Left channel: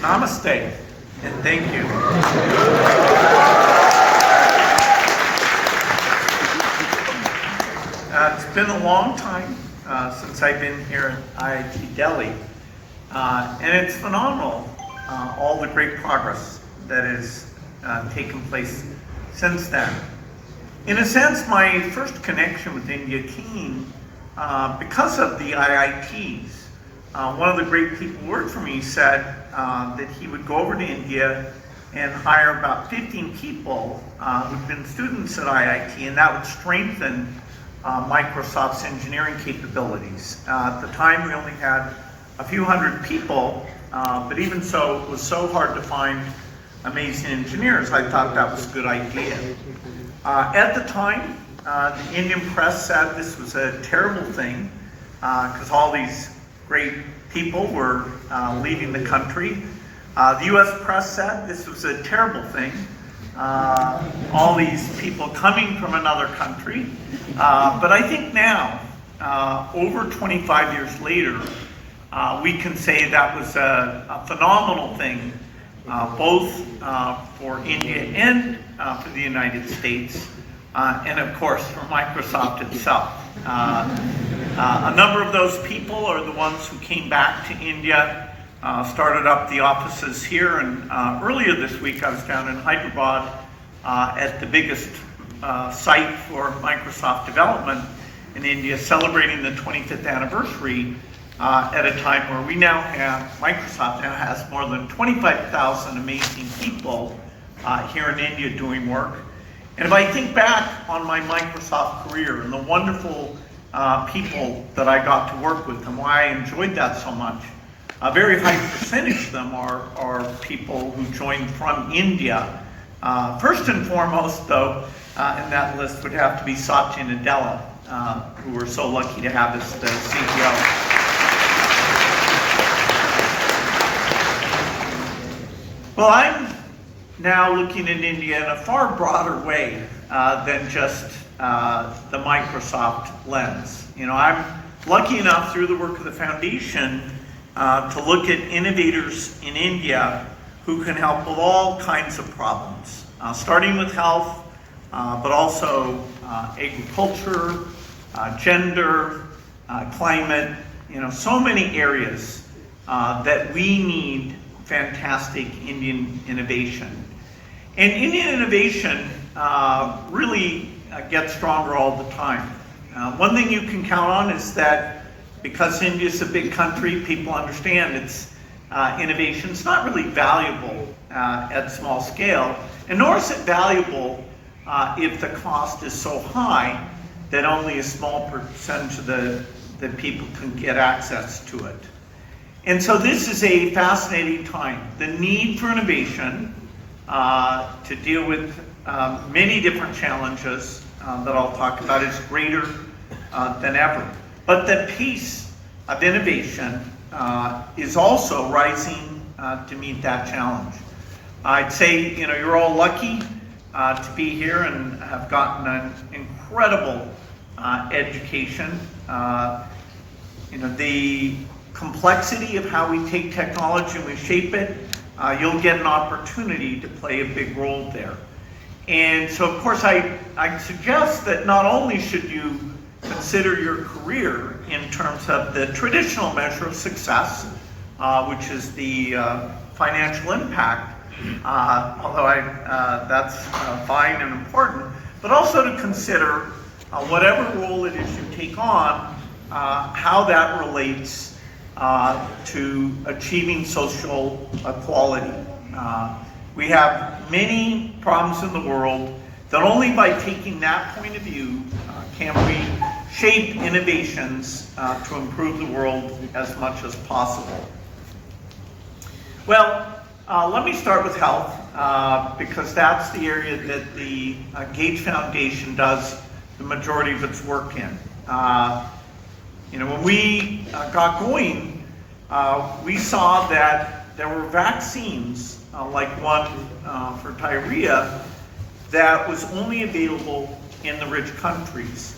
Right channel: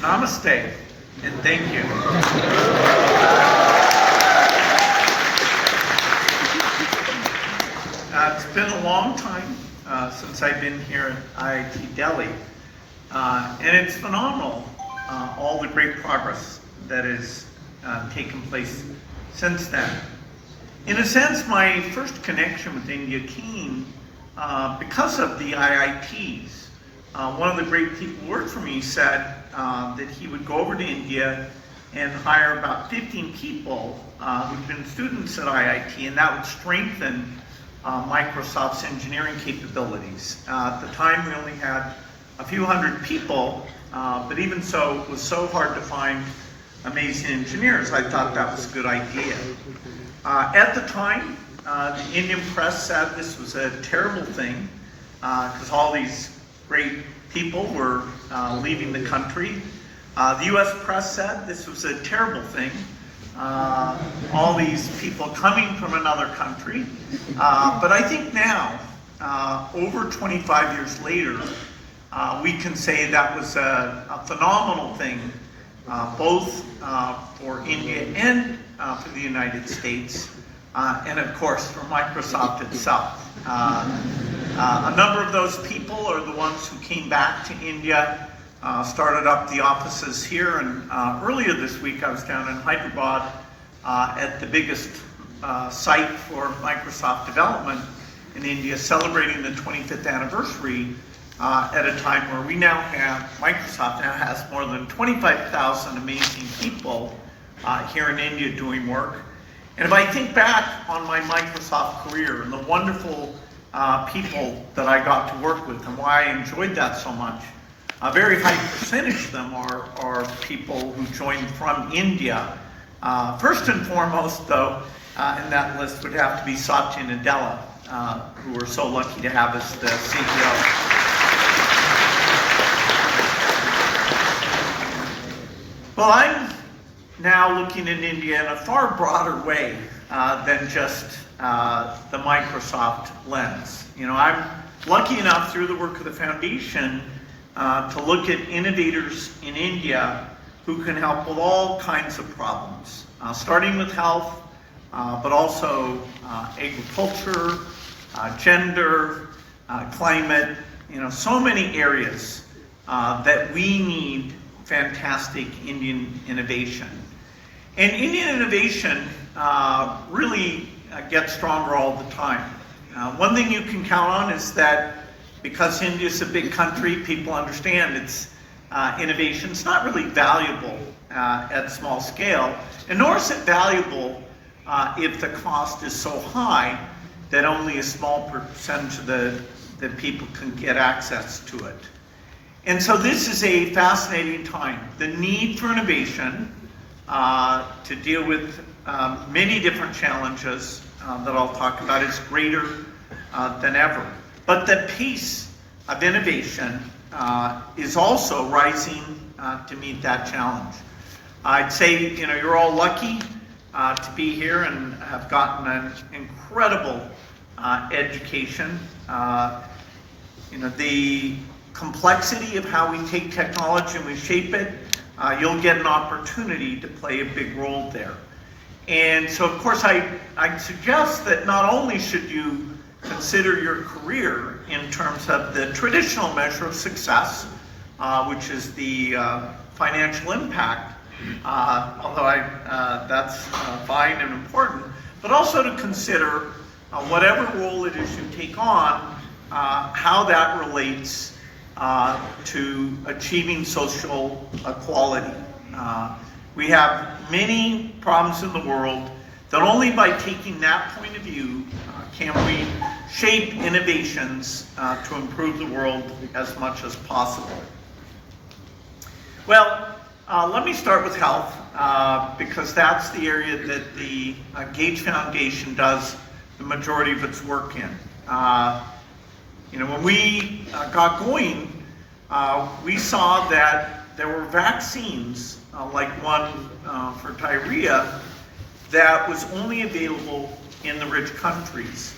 Namaste, and thank you. It's been a long time since I've been here at IIT Delhi, and it's phenomenal, all the great progress that has taken place since then. In a sense, my first connection with India came because of the IITs. One of the great people who worked for me said that he would go over to India and hire about 15 people who'd been students at IIT, and that would strengthen Microsoft's engineering capabilities. At the time, we only had a few hundred people, but even so, it was so hard to find amazing engineers. I thought that was a good idea. At the time, the Indian press said this was a terrible thing because all these great people were leaving the country. The US press said this was a terrible thing. All these people coming from another country. But I think now, over 25 years later, we can say that was a phenomenal thing, both for India and for the United States, and of course for Microsoft itself. A number of those people are the ones who came back to India, started up the offices here, and earlier this week I was down in Hyderabad at the biggest site for Microsoft development in India, celebrating the 25th anniversary at a time where we now have, Microsoft now has more than 25,000 amazing people here in India doing work. And if I think back on my Microsoft career and the wonderful people that I got to work with and why I enjoyed that so much, a very high percentage of them are people who joined from India. First and foremost, though, in that list would have to be Satya Nadella, who we're so lucky to have as the CEO. Well, I'm now looking at India in a far broader way than just the Microsoft lens. You know, I'm lucky enough through the work of the foundation to look at innovators in India who can help with all kinds of problems, starting with health, but also agriculture, gender, climate, you know, so many areas that we need fantastic Indian innovation. And Indian innovation really gets stronger all the time. One thing you can count on is that because India is a big country, people understand its innovation's not really valuable at small scale, and nor is it valuable if the cost is so high that only a small percentage of the people can get access to it. And so this is a fascinating time. The need for innovation to deal with many different challenges that I'll talk about is greater than ever. But the pace of innovation is also rising to meet that challenge. I'd say, you know, you're all lucky to be here and have gotten an incredible education. You know, the complexity of how we take technology and we shape it, you'll get an opportunity to play a big role there. And so, of course, I suggest that not only should you consider your career in terms of the traditional measure of success, which is the financial impact, although that's fine and important, but also to consider whatever role it is you take on, how that relates to achieving social equality. We have many problems in the world that only by taking that point of view can we shape innovations to improve the world as much as possible. Well, let me start with health because that's the area that the Gates Foundation does the majority of its work in. You know, when we got going, we saw that there were vaccines, like one for diarrhea, that was only available in the rich countries.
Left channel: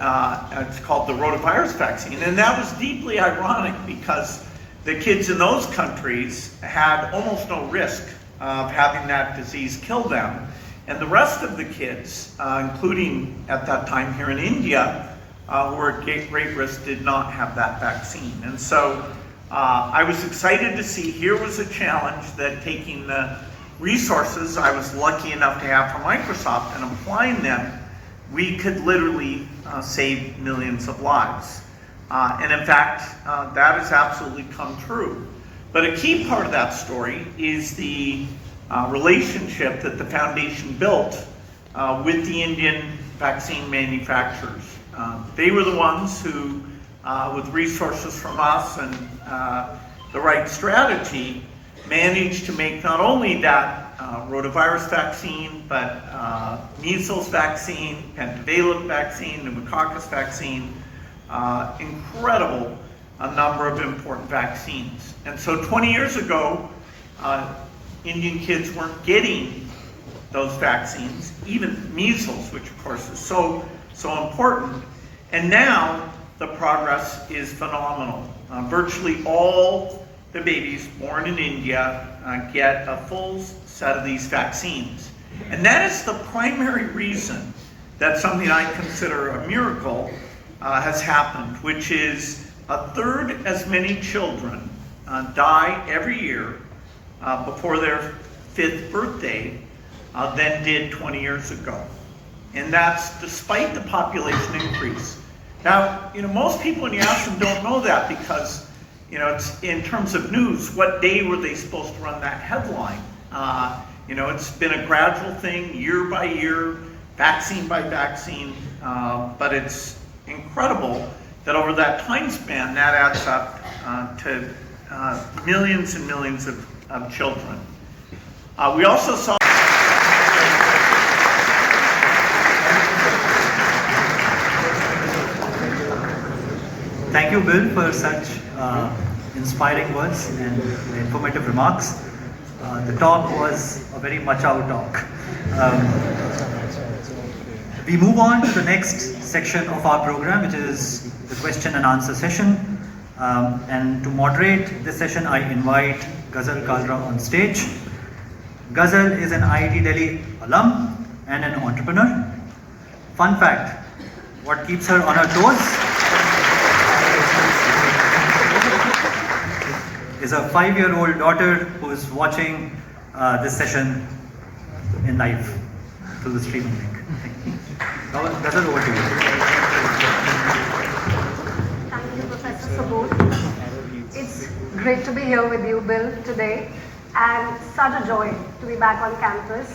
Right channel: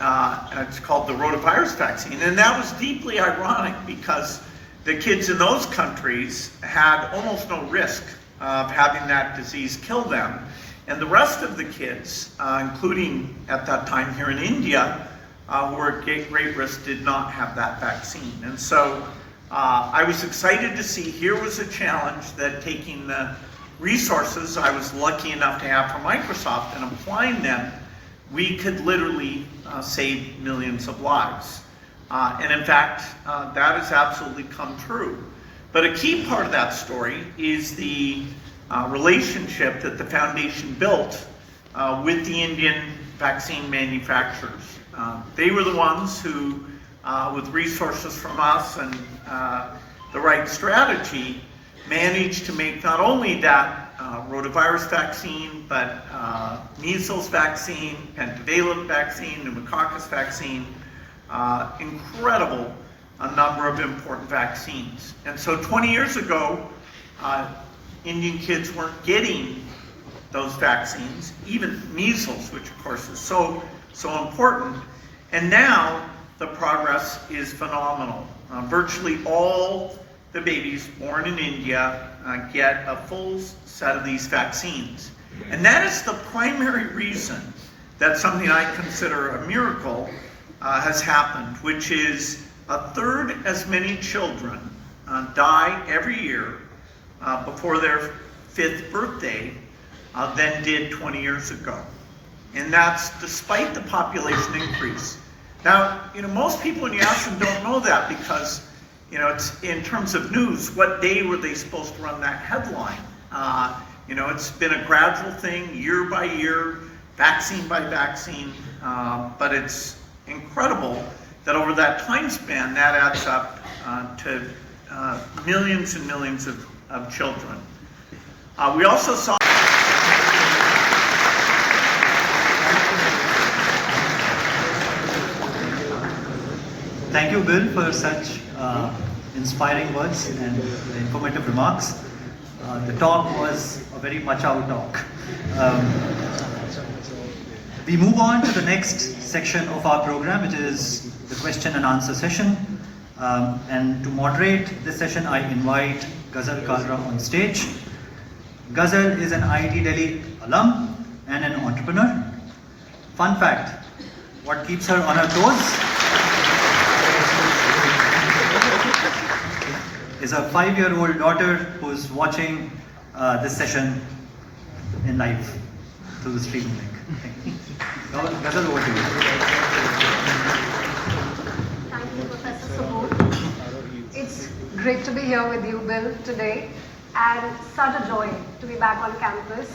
It's called the rotavirus vaccine. And that was deeply ironic because the kids in those countries had almost no risk of having that disease kill them. And the rest of the kids, including at that time here in India, who were at great risk, did not have that vaccine. And so I was excited to see here was a challenge that taking the resources I was lucky enough to have from Microsoft and applying them, we could literally save millions of lives. And in fact, that has absolutely come true. But a key part of that story is the relationship that the foundation built with the Indian vaccine manufacturers. They were the ones who, with resources from us and the right strategy, managed to make not only that rotavirus vaccine, but measles vaccine, pentavalent vaccine, pneumococcus vaccine, incredible a number of important vaccines. And so 20 years ago, Indian kids weren't getting those vaccines, even measles, which of course is so important. And now the progress is phenomenal. Virtually all the babies born in India get a full set of these vaccines. And that is the primary reason that something I consider a miracle has happened, which is a third as many children die every year before their 5th birthday than did 20 years ago. And that's despite the population increase. Now, most people when you ask them don't know that because, it's in terms of news, what day were they supposed to run that headline? It's been a gradual thing, year by year, vaccine by vaccine, but it's incredible that over that time span, that adds up to millions and millions of children. We also saw Thank you, Bill, for such inspiring words and informative remarks. The talk was a very macho talk. We move on to the next section of our program, which is the question and answer session. And to moderate this session, I invite Ghazal Kalra on stage. Ghazal is an IIT Delhi alum and an entrepreneur. Fun fact, what keeps her on her toes is a 5-year-old daughter who is watching this session in live through the streaming link. Thank you. Ghazal, over to you. Thank you, Professor Subbu. It's great to be here with you, Bill, today, and such a joy to be back on campus.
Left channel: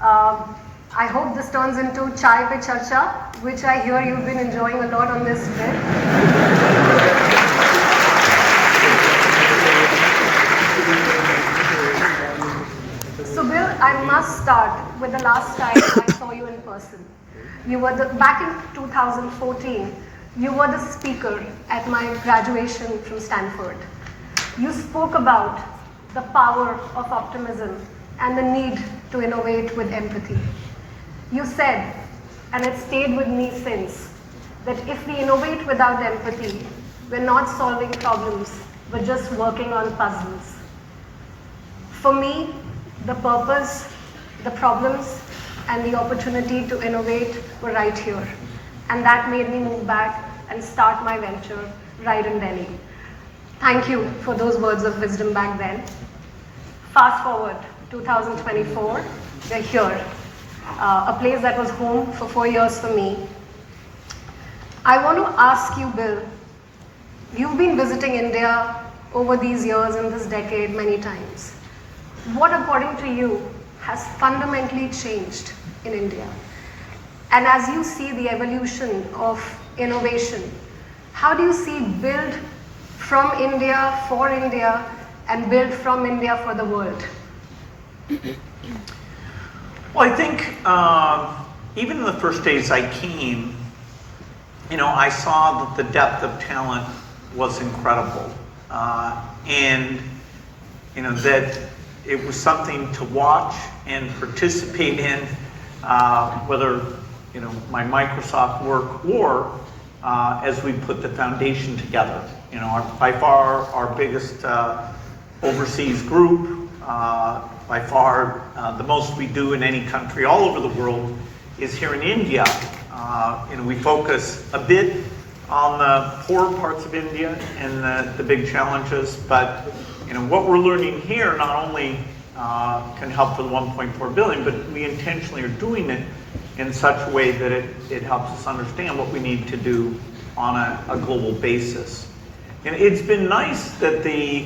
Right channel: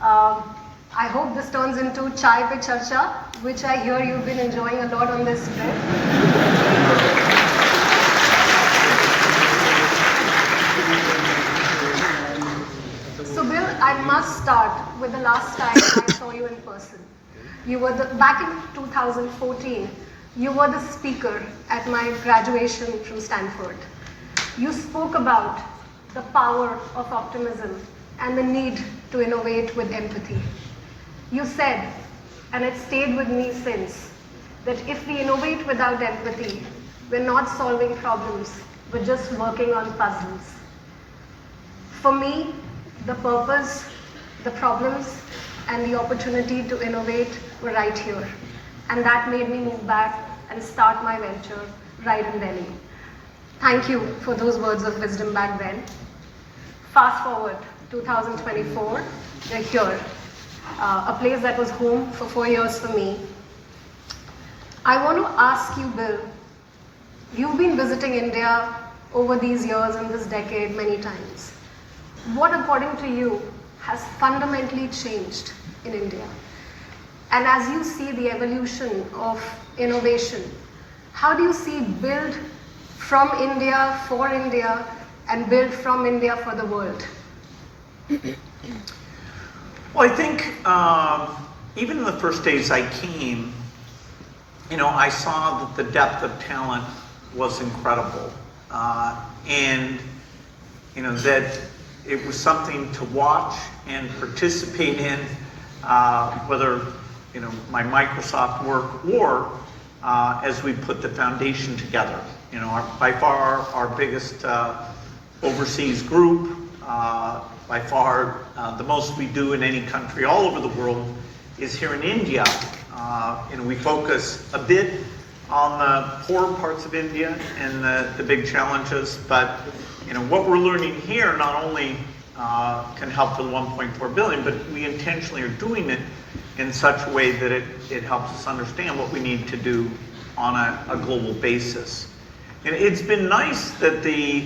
I hope this turns into Chai Pe Charcha, which I hear you've been enjoying a lot on this trip. So Bill, I must start with the last time I saw you in person. You were back in 2014, you were the speaker at my graduation from Stanford. You spoke about the power of optimism and the need to innovate with empathy. You said, and it stayed with me since, that if we innovate without empathy, we're not solving problems, we're just working on puzzles. For me, the purpose, the problems, and the opportunity to innovate were right here. And that made me move back and start my venture right in Delhi. Thank you for those words of wisdom back then. Fast forward, 2024, we're here. A place that was home for 4 years for me. I want to ask you, Bill, you've been visiting India over these years and this decade many times. What, according to you, has fundamentally changed in India? And as you see the evolution of innovation, how do you see build from India for India and build from India for the world? Well, I think even in the first days I came, I saw that the depth of talent was incredible, and that it was something to watch and participate in, whether my Microsoft work, or as we put the foundation together. By far our biggest overseas group, by far the most we do in any country all over the world is here in India. We focus a bit on the poor parts of India and the big challenges, but what we're learning here not only can help with 1.4 billion, but we intentionally are doing it in such a way that it helps us understand what we need to do on a global basis. And it's been nice that the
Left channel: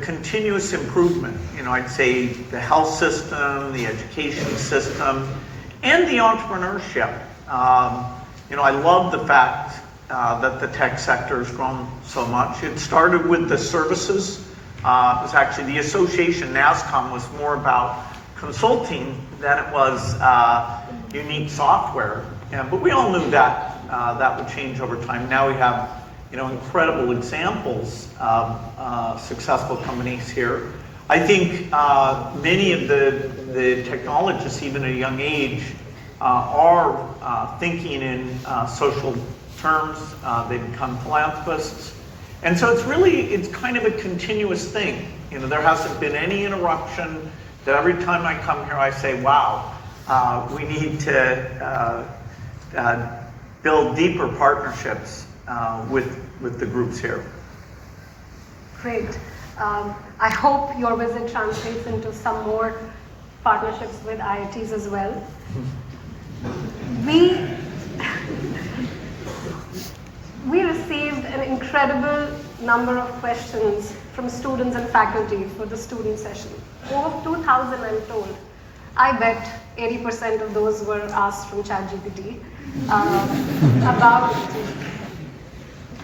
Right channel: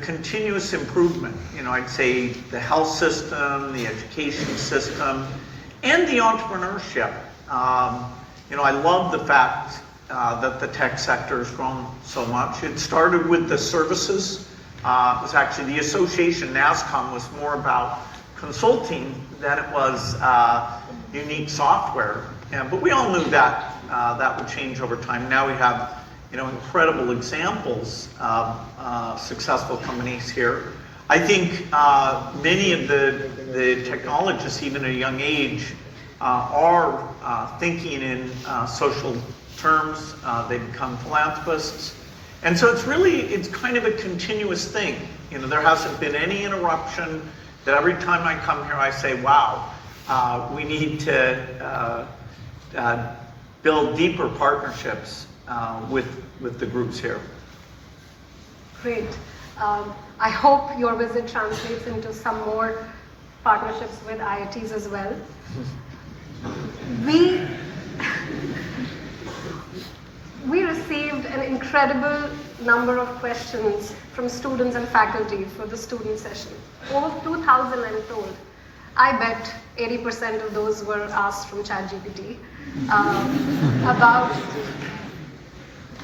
continuous improvement, I'd say the health system, the education system, and the entrepreneurship. I love the fact that the tech sector has grown so much. It started with the services. It was actually the association, NASCOM, was more about consulting than it was unique software. But we all knew that that would change over time. Now we have incredible examples of successful companies here. I think many of the technologists, even at a young age, are thinking in social terms. They become philanthropists. And so it's kind of a continuous thing. There hasn't been any interruption. That every time I come here I say, wow, we need to build deeper partnerships with the groups here. Great. I hope your visit translates into some more partnerships with IITs as well. We received an incredible number of questions from students and faculty for the student session. Over 2,000, I'm told. I bet 80% of those were asked from ChatGPT.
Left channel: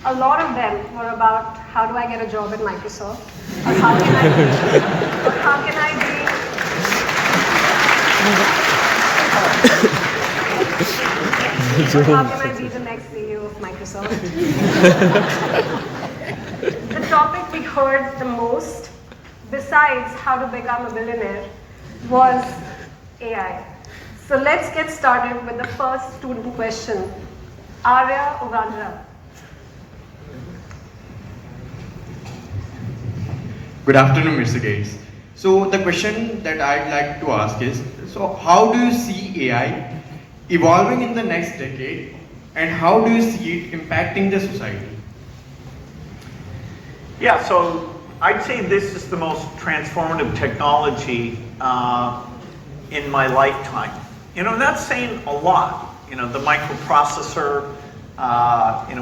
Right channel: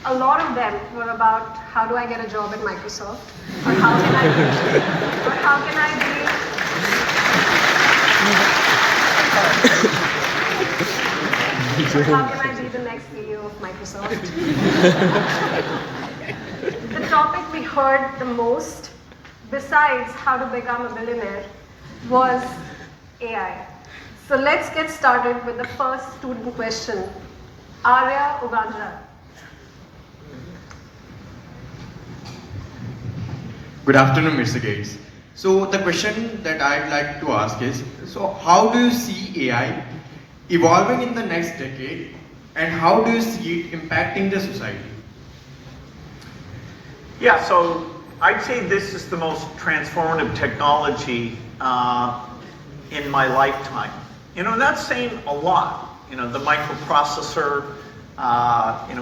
A lot of them were about how do I get a job at Microsoft, or how can I be the next CEO of Microsoft. The topic we heard the most, besides how to become a billionaire, was AI. So let's get started with the first student question. Arya Ugandra. Good afternoon, Mr. Gates. So the question that I'd like to ask is, so how do you see AI evolving in the next decade, and how do you see it impacting the society? Yeah, so I'd say this is the most transformative technology in my lifetime. That's saying a lot. The microprocessor,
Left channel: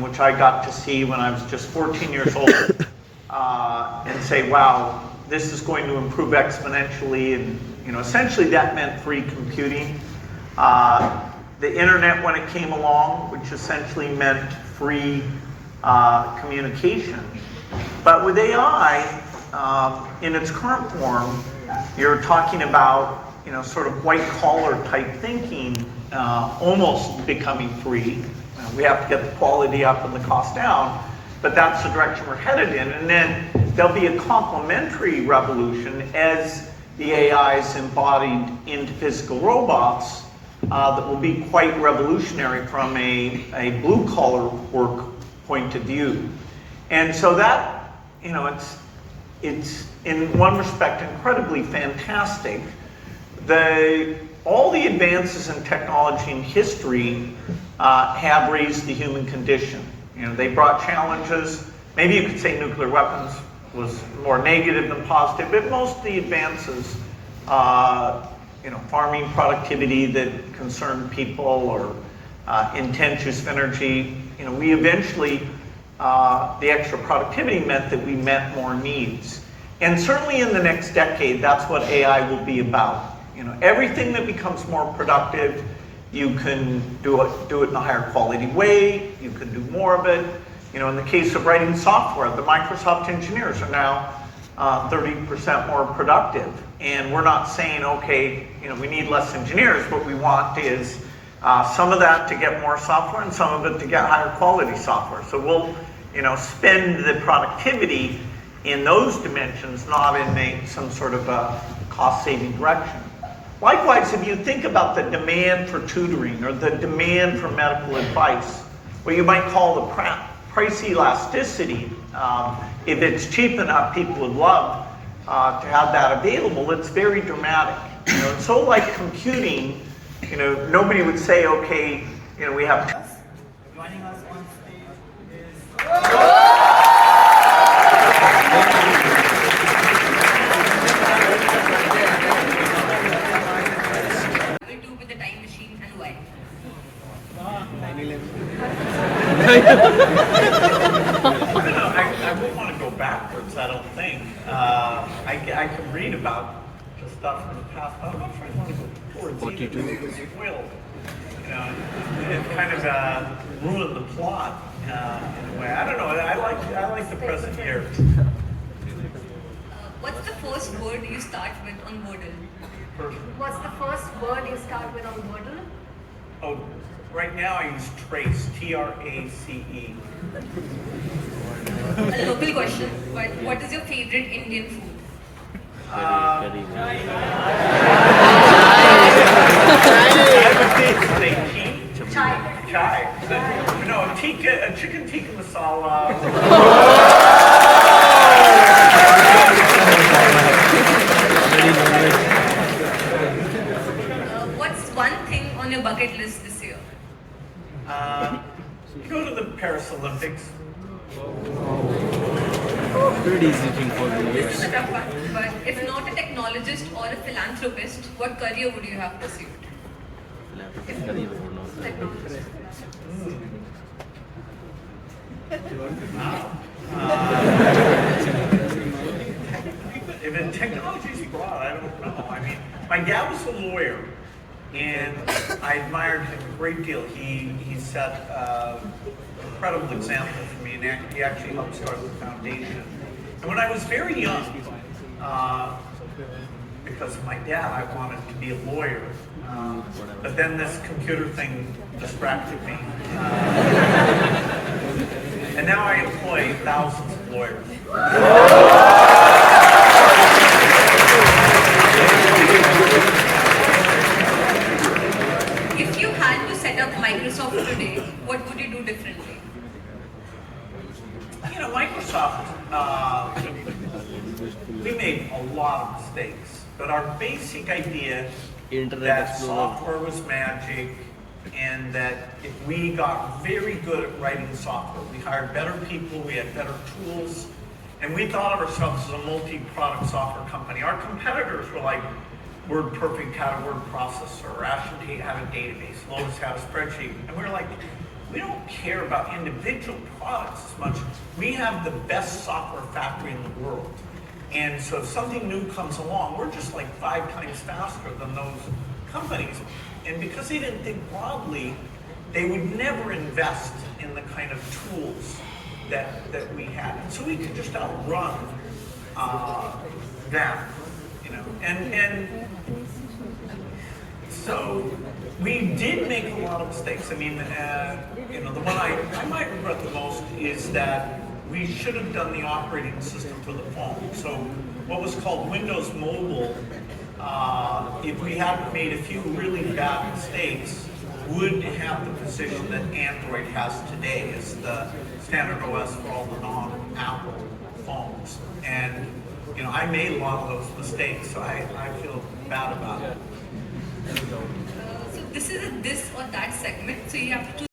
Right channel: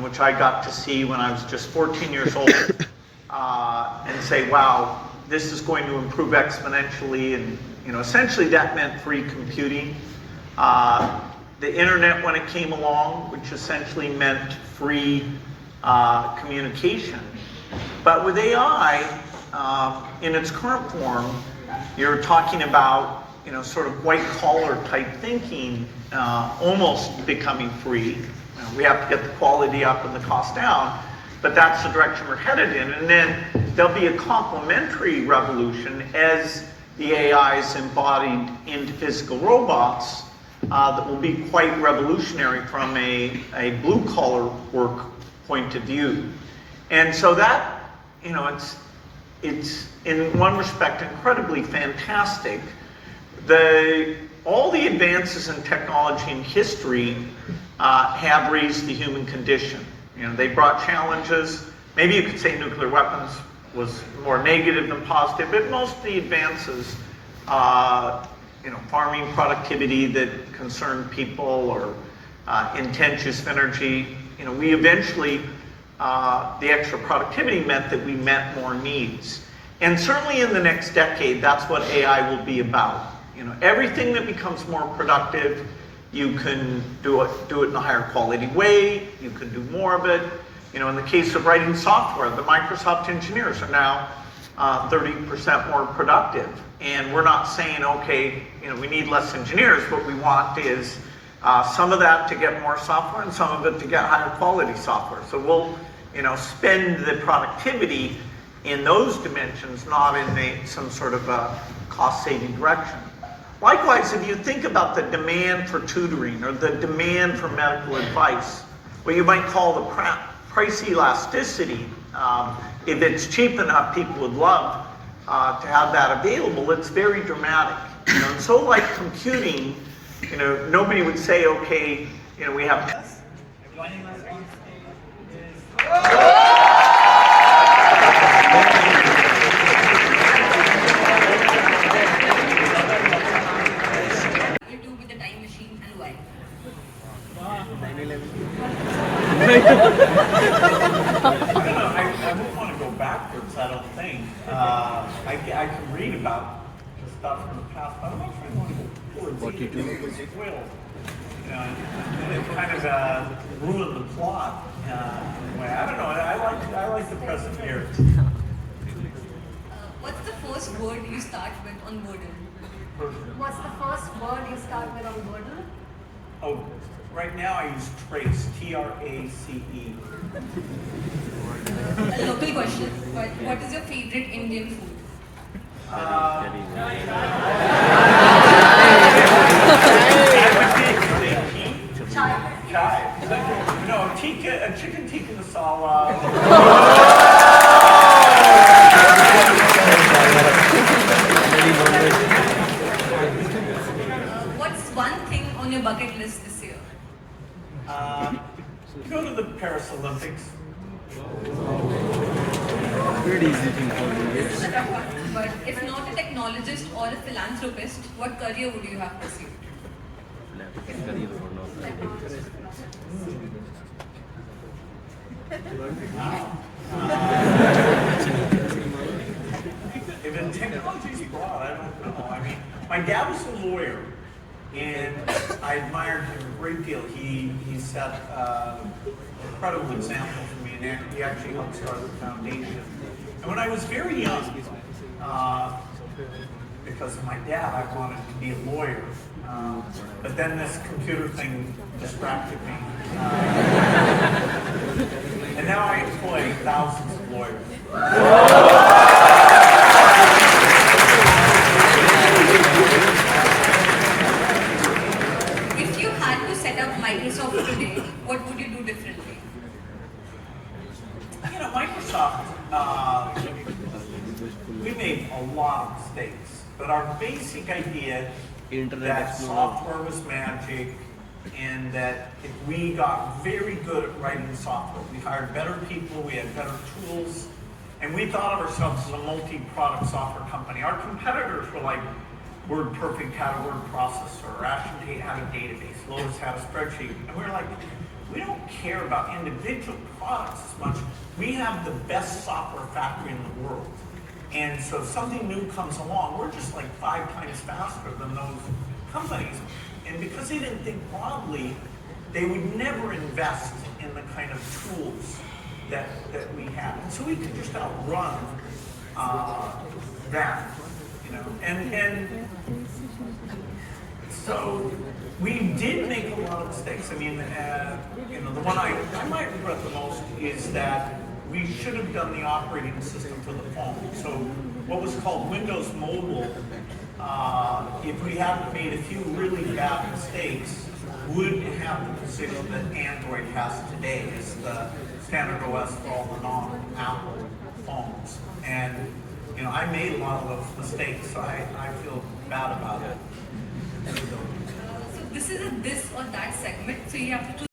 which I got to see when I was just 14 years old, and say, wow, this is going to improve exponentially, and essentially that meant free computing. The internet, when it came along, which essentially meant free communication. But with AI, in its current form, you're talking about sort of white-collar type thinking, almost becoming free. We have to get the quality up and the cost down, but that's the direction we're headed in. And then there'll be a complementary revolution as the AI is embodied into physical robots that will be quite revolutionary from a blue-collar work point of view. And so that, it's in one respect incredibly fantastic. All the advances in technology and history have raised the human condition. They brought challenges. Maybe you could say nuclear weapons was more negative than positive, but most of the advances, farming productivity that concerned people, or intense use of energy, we eventually, the extra productivity meant that we met more needs. And certainly in the next decade, that's what AI will be about. Everything that becomes more productive, you can do it in a higher quality way, you can do more of it. In the case of writing software, the Microsoft engineers are now 30% more productive. And we're not saying, okay, we need less engineers. What we want is some of that to get more software and some of it to get higher quality software. So we'll spend the productivity in those dimensions, not in some sort of a cost-saving direction. Likewise, if you think about the demand for tutoring or the demand for medical advice, what you might call the price elasticity, if it's cheap enough, people would love to have that available. It's very dramatic. You know, so like computing, you know, nobody would say, okay, you know, we have. Joining us on stage do with the time machine and why? I wouldn't want to go backwards, I don't think. I can read about the stuff from the past, but I'm not sure I want to go forward. What you do with it will. You know, it kind of ruin the plot in a way. I don't know. I like the present year. What's the first word you start with on Wordle? What's the first word you start with on Wordle? Oh, right now I use trace, T-R-A-C-E. A local question, but what is your favorite Indian food? I would say tea. Chai. Chai. No, tikka, chicken tikka masala. What's one thing on your bucket list this year? Go to the Paris Olympics. Pretty easy thing for me. This is a tough one, but if not a technologist or a philanthropist, what career would you have pursued? If technology is broad, I don't know. I mean, my dad was a lawyer, and I admired him a great deal. He set an incredible example for me, and he actually helped start the foundation. And when I was very young, because of my dad, I wanted to be a lawyer. But then this computer thing distracted me. And now I employ thousands of lawyers. If you had to set up Microsoft today, what would you do differently? You know, Microsoft, we made a lot of mistakes, but our basic idea that software was magic and that if we got very good at writing software, we hired better people, we had better tools, and we thought of ourselves as a multi-product software company. Our competitors were like WordPerfect had a word processor, or Azure had a database, Lotus had a spreadsheet, and we were like, we don't care about individual products as much. We have the best software factory in the world. And so if something new comes along, we're just like 5 times faster than those companies. And because they didn't think broadly, they would never invest in the kind of tools that we had. And so we could just outrun that, you know. And so we did make a lot of mistakes. I mean, you know, the one I might regret the most is that we should have done the operating system for the phone. So what was called Windows Mobile, if we hadn't made a few really bad mistakes, would have the position that Android has today as the standard OS for all the non-Apple phones. And you know, I made a lot of those mistakes, so I feel bad about it. So this is a this or that segment, so you have to